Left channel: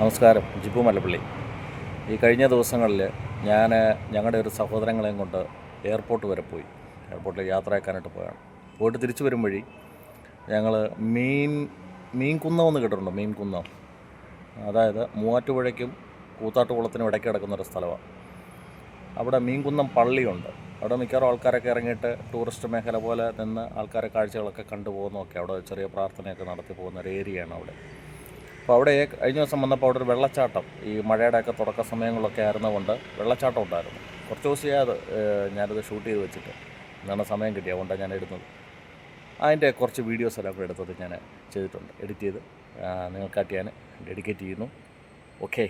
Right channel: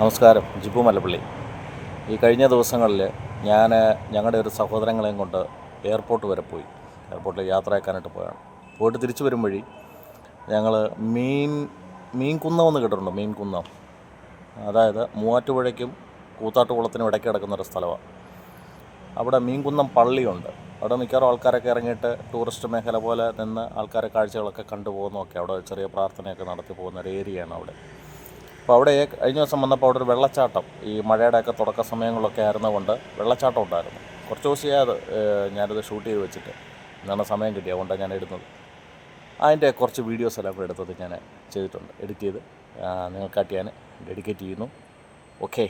നമസ്കാരം. ജിബു മലപ്പള്ളി. ഈ കഴിഞ്ഞ ദിവസങ്ങളിൽ ഞാൻ ഞങ്ങളുടെ ഒരു സഹോദരങ്ങളെയും കൊണ്ട് എയർപോർട്ട് വരെ പോയി. എയർപോർട്ടിൽ യാത്രയാക്കാനായിട്ട് പോയാണ്. പോയിട്ട് തിരിച്ചു വരും വഴി ഞങ്ങൾ മീൻകുന്നം എന്ന് കേട്ടിട്ടുണ്ടോ? മീൻകുന്നം, അതായത് മൂവാറ്റുപുഴയ്ക്കും കൂത്താട്ടുകുളത്തിനും ഇടയ്ക്ക് കിടക്കുന്നൊരു സ്ഥലമാണ്. അവിടെ മീൻകുന്നം പള്ളിയുണ്ട്. അവിടെ മിക്കവാറും ആൾക്കാരൊക്കെ ഇറങ്ങിയിട്ട് ടൂറിസ്റ്റ് മേഖല പോലെ നിന്ന് ആൾക്കാരെ കാഴ്ചകളൊക്കെ കണ്ടു പോകുന്നതൊക്കെ, അവിടെ ചെറിയ പ്രാർത്ഥനയൊക്കെ നടത്തി പോകുന്ന ഒരു ഏരിയയാണ് അവിടെ. അപ്പോൾ അവിടെ കഴിഞ്ഞ ദിവസം വന്നപ്പോൾ അവിടെ ഒരു വെള്ളച്ചാട്ടം, ഈ മഴയുടെയൊക്കെ തുടക്ക സമയങ്ങളിലൊക്കെ ആയിരുന്നതുകൊണ്ട് വെള്ളച്ചാട്ടം ഉണ്ടായിരുന്നു. കുറച്ച് ദിവസമായത് ഞാനത് ഷൂട്ട് ചെയ്ത് വെച്ചിട്ട് എന്നാണ് സമയം കിട്ടിയത്, അതുകൊണ്ടാണ് ഞാൻ ഇടുന്നത്. അതിൻ്റെ കുറച്ച് വീഡിയോസ് എല്ലാം കൂടെ എടുത്തത് ഞാൻ ചെയ്തിട്ടുണ്ട്. എഡിറ്റ് ചെയ്ത് നിങ്ങൾക്കായിട്ട് ഞാൻ ഡെഡിക്കേറ്റ് ചെയ്യുന്നു. ഓക്കെ.